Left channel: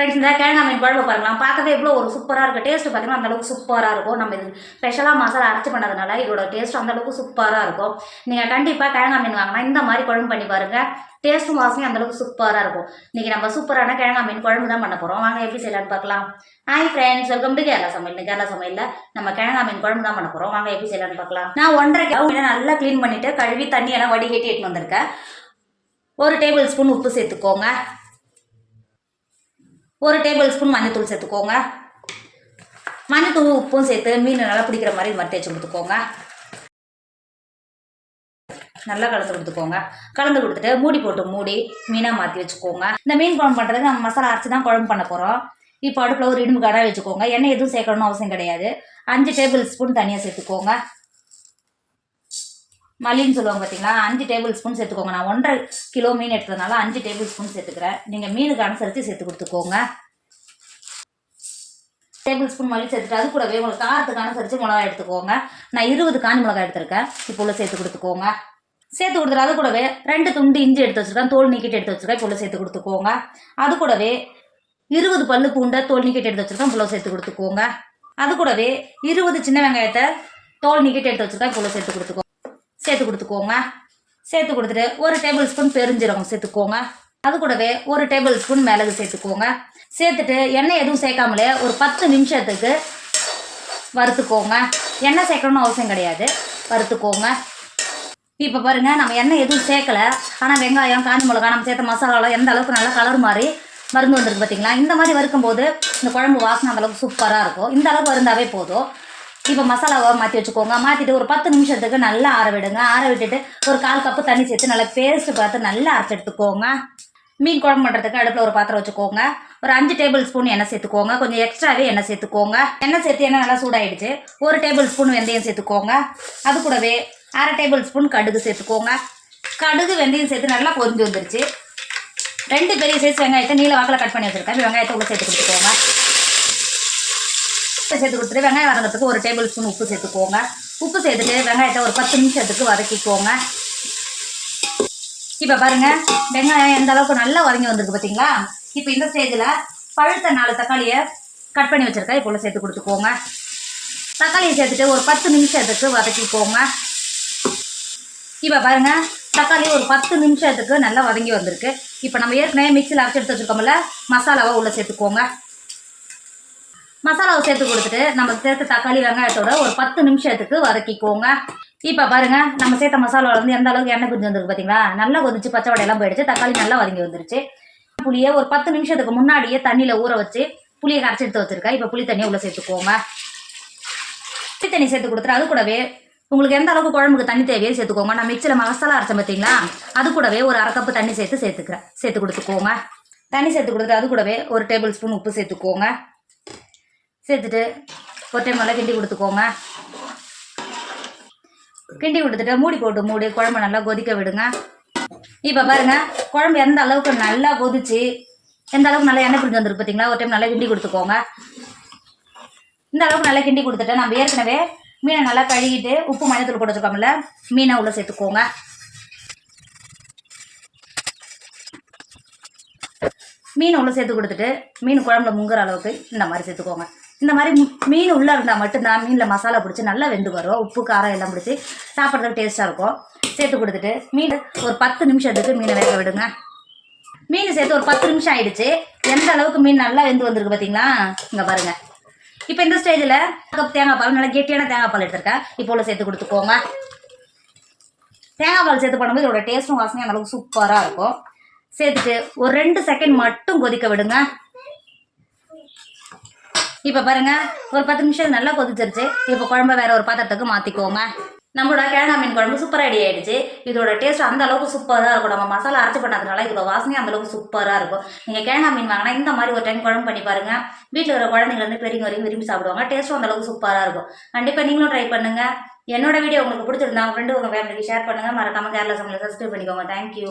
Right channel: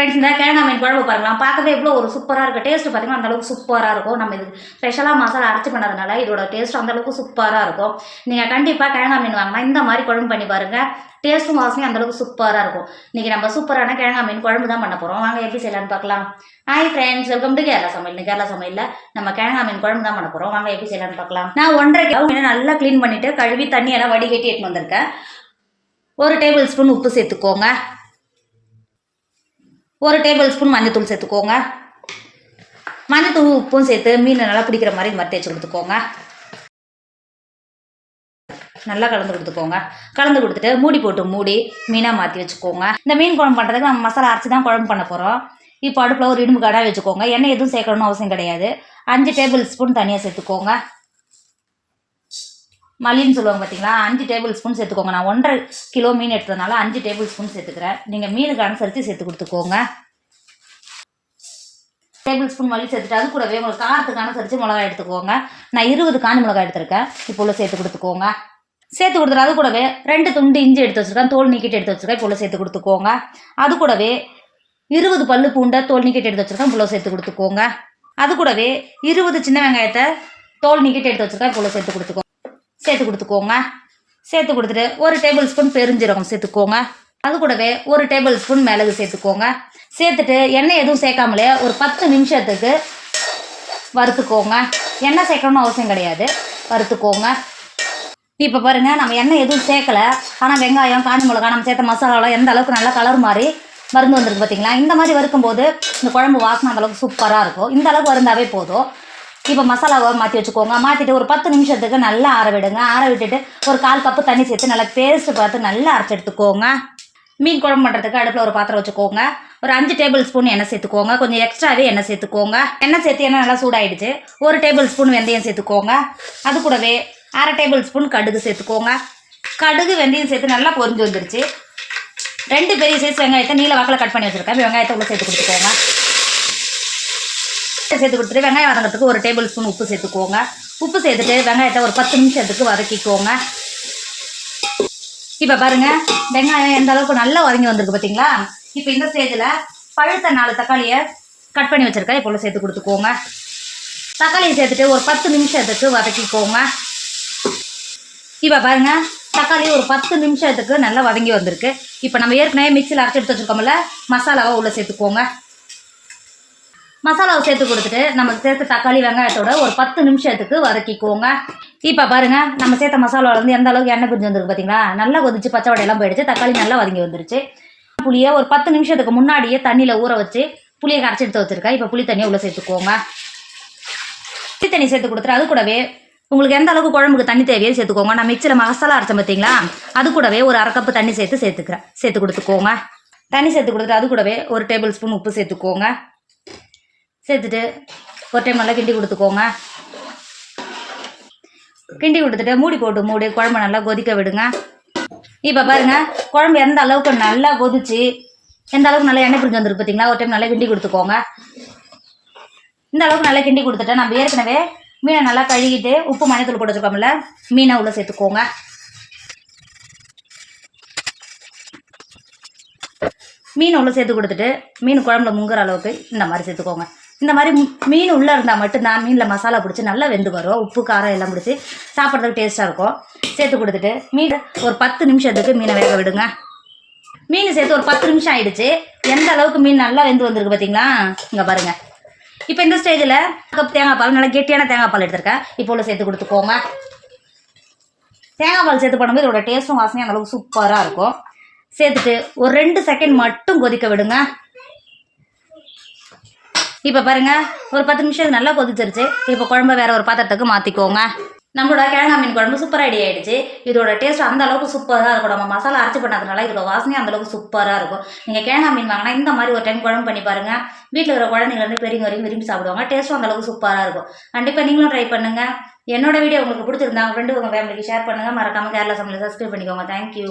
Friends இந்த கிழங்கா மீன் குழம்பு பாருங்களா பார்க்கவே எவ்வளோ ஒரு சூப்பராக இருக்கும் டேஸ்ட் பார்த்தீங்கன்னா அந்தளவுக்கு சூப்பராக இருக்கும். நம்ம இது ஸ்பெஷலாக மசாலா அரைச்சி பண்ணதுனால இதோட டேஸ்ட் அந்தளவுக்கு சூப்பராக இருக்கும். நீங்கள் கண்டிப்பாக கிழங்கா மீன் வாங்கினா இந்த மாதிரி குழம்பு பண்ணி பாருங்கள் டேஸ்ட்டும் வாசனையும் அந்தளவுக்கு சூப்பராக இருக்கும். இன்றைக்கி நம்ம சூப்பரான கிழங்கா மீன் குழம்பு தான் பண்ண போகிறோம் வாங்க எப்படி செய்யலாம்னு பார்க்கலாம். Hi friends welcome to Kerala சமையல். கேரளா சமையலில் நம்ம கிழங்கா மீன் குழம்பு தான் பண்ண போகிறோம் வாங்க எப்படி செய்யலாம்னு பார்க்கலாம். நான் ஒன்றரை கிலோ மீனை நல்லா க்ளீன் பண்ணிவிட்டு கழுவி தண்ணியெல்லாம் வடிகட்டி எடுத்துன்னு வந்திருக்கேன். ஒரு டேபிள் ஸ்பூன் உப்பு சேர்த்துக்கோங்க. ஒரு டேபிள் ஸ்பூன் மஞ்சத்தூள் சேர்த்துக்கோங்க. மஞ்சத்தூள் உப்பும் சேர்த்து மீன் நல்லா பிடிக்கிற மாதிரி மாதிரி வச்சு கொடுத்துக்கோங்க. நல்லா கலந்து கொடுத்துக்கோங்க. கலந்து கொடுத்துட்டு மூடி போட்டு மூடி மீனாக மாற்றி வச்சுக்கோங்க. இந்த மீன் குழம்பு பண்ணுறதுக்கு நம்ம மசாலா அரைச்சி தான் குழம்பு பண்ண போகிறோம் இப்போ அடுப்பில் ஒரு இடும்பு கடை வச்சுக்கோங்க. எண்ணெய் எதுவும் சேர்க்கணும்னு அவசியம் கிடையாது. அஞ்சு டேபிள் ஸ்பூன் தனியாக சேர்த்துக்கோங்க. மல்லின்னு சொல்லுவாங்க பார்த்தீங்களா அஞ்சு டேபிள் ஸ்பூன் சேர்த்துக்கோங்க. நான் ஒன்றரை கிலோ மீன் எடுத்ததுனால அஞ்சு டேபிள் ஸ்பூன் சேர்த்துக்கிறேன். நீங்கள் மீனுக்கு அனுசரித்து சேர்த்து கொடுத்துக்கோங்க. டேபிள் ஸ்பூன் மல்லி சேர்த்துட்டு அது கூடவே உங்களுக்கு காரத்துக்கு அனுசரித்து மிளகாய் எடுத்துக்கோங்க. நான் இருபது காஞ்சி மிளகாய் எடுத்திருக்கேன். இப்போ உள்ள சேர்த்து கொடுத்துக்கோங்க. சேர்த்து கொடுத்துரு அது கூடவே ரெண்டு துண்டு இஞ்சி எடுத்து வச்சுருக்கேன். தோல் நீக்கிட்டு எடுத்து வச்சுருக்கேன். இப்போ உள்ள சேர்த்து கொடுத்துக்கோங்க. அது கூடவே இருபது பல்லு பூண்டை தோல் நீக்கிட்டு எடுத்து வச்சுருக்கேன். இப்போ சேர்த்து கொடுத்துக்கோங்க. அது கூடவே இருபது சின்ன வெங்காயத்தை தோல் நீக்கிட்டு எடுத்து வச்சுருக்கேன். இப்போ சேர்த்து கொடுத்துக்கோங்க. சேர்த்து கொடுத்துக்கோங்க. சேர்த்து கொடுத்துட்டு ஒரு டேபிள் ஸ்பூன் பெருஞ்சீரகம் சேர்த்துக்கோங்க. அது கூடவே ஒரு டேபிள் ஸ்பூன் மிளகு சேர்த்துக்கோங்க. சேர்த்துட்டு எண்ணெய் எதுவும் சேர்க்காமலே ஒரு பத்து நிமிஷத்துக்கு வறுத்துக்கோங்க. எண்ணெய் சேர்க்கணும்னு அவசியம் கிடையாது. வறுத்துக்கோங்க. இப்போ பாருங்கள் நம்ம எண்ணெய் எதுவும் சேர்க்கல. ஆனால் வெங்காயம் காஞ்சி மிளகா நம்ம சேர்த்த மசாலாலாம் எந்த அளவுக்கு நல்லா கலர் மாதிரி மருந்து வந்திருக்கு பார்த்தீங்களா இந்த மாதிரி வறுக்கும்போது இந்த குழம்பு வாசனை அந்தளவுக்கு சூப்பராக இருக்கும். இந்த அளவுக்கு வருந்தாவே போதும். இப்போ மசாலாவை மாற்றி வச்சுக்கோங்க. மாற்றிட்டு ஒரு பத்து நிமிஷத்துக்கு நல்லா ஆற விடுங்க. ஆற விட்டுட்டு ஒரு கால் கப்பு தண்ணி சேர்த்து நல்லா பேஸ்ட்டு பார்த்து நல்லா அரைச்சி எடுத்துக்கோங்க. மீன் குழம்பு பண்ணுறதுக்கு அடுப்பில் ஒரு பாத்திரம் வச்சுக்கோங்க. ஒரு அஞ்சு டேபிள் ஸ்பூன் எண்ணெய் சேர்த்துக்கோங்க. கொஞ்சம் எக்ஸ்ட்ராவே எண்ணெய் சேர்த்துக்கோங்க. எண்ணெய் சேர்த்து எண்ணெய் நல்லா சூடாயிடுச்சு. ஒரு டேபிள் ஸ்பூன் வெந்தயம் சேர்த்துக்கோங்க. அது கூடவே அரை டேபிள் ஸ்பூன் கடுகு சேர்த்துக்கோங்க. கடுகு வெந்தயம் சேர்த்து நல்லா பொரிஞ்சு வந்துருச்சு. ரெண்டு பெரிய சைஸ் வெங்காயத்தை நீல வாக்கில் கட் பண்ணி வச்சுருக்கேன். வெங்காயத்தை உள்ள சேர்த்து கொடுத்துக்கோங்க. சேர்த்து கொடுத்துட்டு வெங்காயம் வதங்கிறதுக்கு ஒரு டேபிள் ஸ்பூன் உப்பு சேர்த்துக்கோங்க. உப்பு சேர்த்துட்டு வெங்காயத்தை ஒரு பத்து நிமிஷத்துக்கு வதக்கிக்கோங்க. இப்போ பாருங்க வெங்காயம் எந்த அளவுக்கு நல்லா வதங்கி வந்திருக்கு பார்த்தீங்களா இப்போ இந்த ஸ்டேஜில் பழுத்த நாலு தக்காளியை கட் பண்ணி வச்சுருக்கேன். இப்போ உள்ள சேர்த்து கொடுத்துக்கோங்க. தக்காளியை சேர்த்துட்டு ஒரு பத்து நிமிஷத்துக்கு வதக்கிக்கோங்க. இப்போ பாருங்க தக்காளி ஒரு பத்து நிமிஷத்துக்கு நல்லா வதங்கி வந்திருக்கு. இப்போ நம்ம ஏற்கனவே மிக்சியில் அரைச்சி எடுத்து வச்சுருக்கோம்ல மசாலாவை உள்ளே சேர்த்துக்கோங்க. மசாலாவை சேர்த்து கொடுத்துட்டு நம்ம சேர்த்த தக்காளி வெங்காயத்தோட ஒரு பத்து நிமிஷத்துக்கு வதக்கிக்கோங்க. இப்போ பாருங்க நம்ம சேர்த்த மசாலாவில் வந்து எந்த அளவுக்கு எண்ணெய் பிரிஞ்சு வந்துருக்கு பார்த்தீங்களா நல்லா கொதிச்சு பச்சை வடையெல்லாம் போயிடுச்சு. தக்காளி நல்லா வதங்கி வந்துருச்சு. புளியை ஒரு பத்து நிமிஷத்துக்கு முன்னாடியே தண்ணியில் ஊற வச்சு புளியை கரைச்சி எடுத்து வச்சுருக்கேன். இப்போ புளி தண்ணியை உள்ளே சேர்த்துக்கோங்க. புளி தண்ணி சேர்த்து கொடுத்துரு அது கூடவே உங்களுக்கு எந்த அளவுக்கு குழம்புக்கு தண்ணி தேவையோ சேர்த்துக்கோங்க. நான் மிக்சியில் மசாலா அரைச்சேன் பார்த்தீங்களா அது கூடவே ஒரு அரை கப்பு தண்ணி சேர்த்து சேர்த்துக்கிறேன். சேர்த்து கொடுத்துக்கோங்க. தண்ணி சேர்த்து கொடுத்துட்டு அது கூடவே ஒரு டேபிள் ஸ்பூன் உப்பு சேர்த்துக்கோங்க. சேர்த்துட்டு ஒரு டைம் நல்லா கிண்டி கொடுத்துக்கோங்க. கிண்டி கொடுத்துட்டு மூடி போட்டு மூடி குழம்பு நல்லா கொதிக்க விடுங்க. இப்போ பாருங்க குழம்பு எந்த அளவுக்கு நல்லா கொதிச்சு எந்த அளவுக்கு நல்லா எண்ணெய் பிரிஞ்சு வந்துருக்கு பார்த்தீங்களா ஒரு டைம் நல்லா கிண்டி கொடுத்துக்கோங்க. இந்த அளவுக்கு நல்லா கிண்டி கொடுத்துட்டு நம்ம ஏற்கனவே மீனை நல்லா கழுகிட்டு உப்பு மஞ்சத்தூள் போட்டு வச்சுருக்கோம்ல மீனை உள்ள சேர்த்துக்கோங்க. மீனை உள்ள சேர்த்து கொடுத்துட்டு மீன் குழம்புல முங்குற அளவுக்கு இந்த மாதிரி சேர்த்துக்கோங்க. இந்த மாதிரி மீன் உள்ளே இருந்தால் மட்டும்தான் மீனில் மசாலா பிடிச்சி நல்லா வெந்து வரும். உப்பு காரம் எல்லாம் பிடிச்சி சாப்பிட்றதுக்கு டேஸ்ட்டாக இருக்கும். சேர்த்து கொடுத்துட்டு மீன் ஒரு பத்து நிமிஷத்துக்கு மீனை வேக விடுங்க. மீன் சேர்த்து ஒரு பத்து நிமிஷம் ஆயிடுச்சு. எந்த அளவுக்கு மீன் நல்லா வெந்து வந்திருக்கு பார்த்தீங்களா இங்கே பாருங்கள் இப்போ இந்த ஸ்டேஜில் கப் தேங்காய் பால் நல்லா கெட்டியான தேங்காய் பால் எடுத்திருக்கேன். இப்போ உள்ள சேர்த்து கொடுத்துக்கோங்க. தேங்காய் பால் சேர்த்து பண்ணும்போது இதோட டேஸ்ட்டும் வாசனையும் அந்த அளவுக்கு சூப்பராக இருக்கும். சேர்த்துட்டு ஒரு ரெண்டு செகண்ட் மட்டும் கொதிக்க விடுங்க. இப்போ பாருங்க ஒரு பத்து நிமிஷம் நல்லா கொதிச்சிருச்சு. இப்போ குழம்பு வேற ஒரு பாத்திரத்துக்கு மாற்றிக்கோங்க நம்மளோட கிழங்கா மீன் குழம்பு சூப்பர் ரெடி ஆயிடுச்சு. இதோட டேஸ்ட் அந்த அளவுக்கு சூப்பராக இருக்கும். நம்ம மசாலா அரைச்சி பண்ணதுனால இதோட வாசனையும் அந்தளவுக்கு சூப்பராக இருக்கும். நீங்கள் கிழங்கா மீன் வாங்கினா இந்த மாதிரி ஒரு டைம் குழம்பு பண்ணி பாருங்க. வீட்டில் இருக்கிற குழந்தைங்க பெரியவங்க வரைக்கும் விரும்பி சாப்பிடுவாங்க. டேஸ்ட்டும் அந்த அளவுக்கு சூப்பராக இருக்கும். கண்டிப்பாக நீங்களும் ட்ரை பண்ணுங்க. என்னோட வீடியோ உங்களுக்கு பிடிச்சிருந்தா ஃப்ரெண்டு உங்கள் ஃபேமிலிக்கு ஷேர் பண்ணுங்க. மறக்காம கேரளா சமையல் சப்ஸ்கிரைப் பண்ணிக்கோங்க. தேங்க்யூ